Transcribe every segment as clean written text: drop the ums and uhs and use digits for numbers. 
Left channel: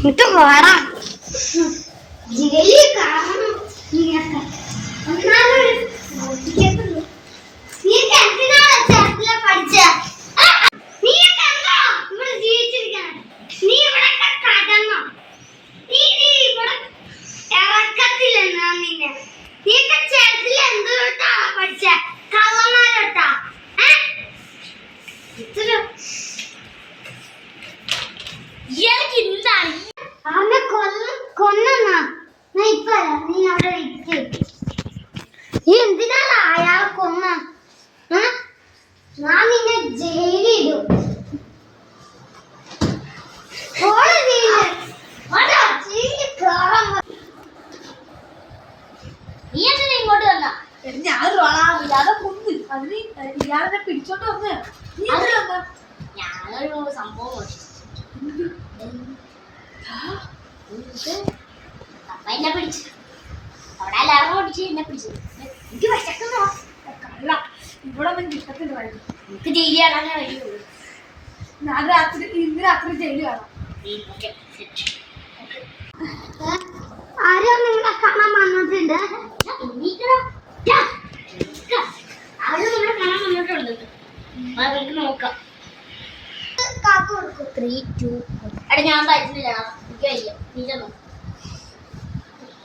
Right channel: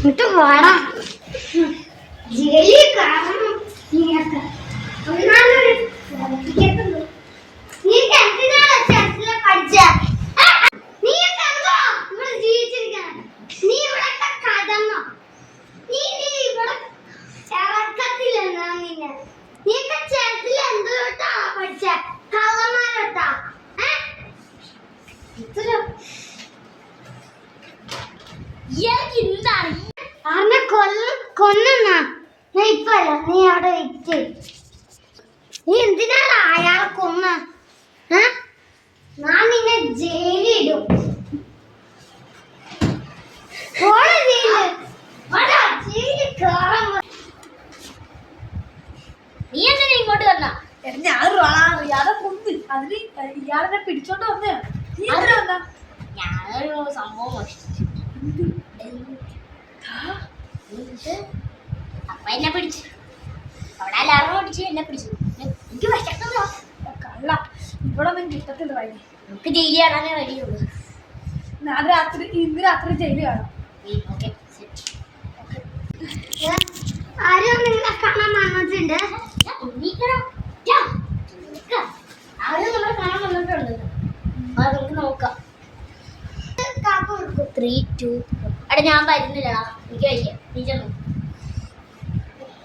ഇത് വേടാ ജയിലിൽ കാരണം നീയൊക്കെ ഒന്നാമൊരു നീയൊക്കെ എന്തിനാണ് ചെറുതിലെ പഠിച്ച നീയൊക്കെ എന്തോ ഇവിടെ ജീവിച്ചിരിക്കണം നീ ഇവിടെയൊക്കെ കടന്നോ നീ ഇവിടെ ഇറക്കത്തില്ലെന്നാ നിന്നെ നീയൊക്കെ ചെറുതിൽ എന്തോട്ടാ പഠിച്ച കള്ളന്മാരോട്ടാ ഇത്ര ഇയാൾക്ക് എന്താണ് അവനെ കൊന്ന നീ ഇപ്പല്ല നീ അവിടെ വെച്ച് നീ എന്തിനാണ് അയാളെ കൊന്ന ഞാൻ നിന്നെ ജയിലിടും നീ എങ്ങനെ ഇങ്ങോട്ട് വന്ന ഇയാളെ കൊന്ന് അതിന് ഇയാളെ പിടിച്ചോണ്ട് വന്ന നീ എങ്ങനെ വന്ന ഞാനൊരു സംഭവം അപ്പ എന്നെ പിടിച്ചു അവിടെ എല്ലാവരും ഓടിച്ച് എന്നെ പിടിച്ചു എനിക്ക് വിശക്കുന്നോ കള്ള ഇവിടെ ഒന്നും കിട്ടത്തില്ലായിരുന്നു എനിക്ക് ജയിലി കാണാനേ കഴിയുള്ളൂ ഇന്ന് രാത്രി ജയില് കാണാം ആരും നിങ്ങളെ കാണാൻ വന്നിട്ടുണ്ട് ആരും നമ്മളെ കാണാൻ വന്നിട്ടുണ്ട് നമുക്ക് നോക്കാം 3, 2 അവിടെ ഞാൻ വരുന്നില്ലടാ എനിക്ക് കഴിക്കാം നീ ചെന്നു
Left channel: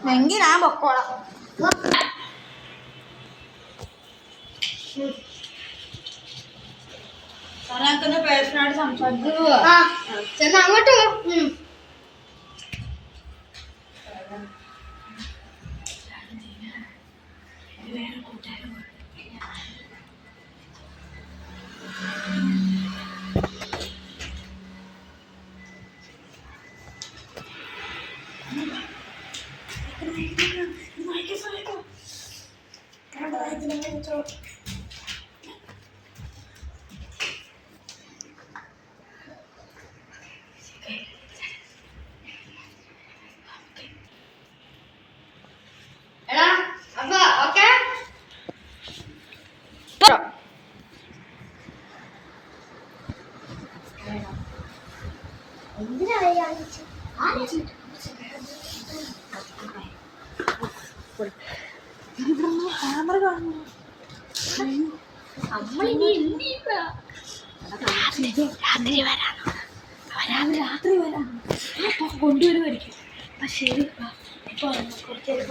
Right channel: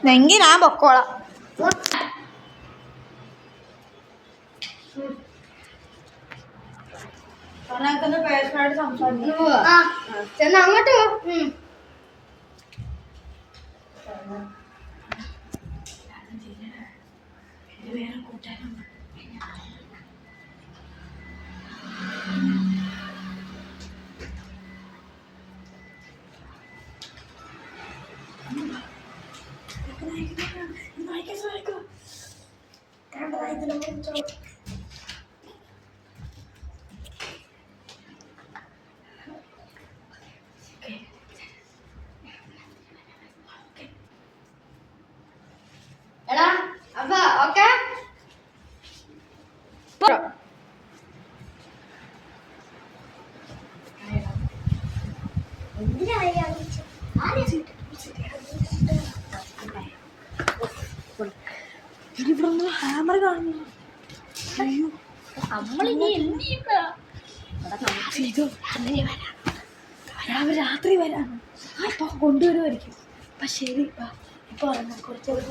എങ്കിൽ ഞാൻ പൊക്കോളാം പേഴ്സണായിട്ട് സംസാരിക്കുന്നു ചെന്ന് അങ്ങോട്ട് വേറെ കൂട്ടുകാരും എടാ അപ്പൊ ഓക്കെ എന്തിനാ ഹാമർ കാണുന്നു നമ്മളിനി രാത്രി വരാനോ അപ്പൊ കൊണ്ടുവരുമായിരിക്കും അപ്പൊ ശരി ഇപ്പൊ കുറച്ചേരം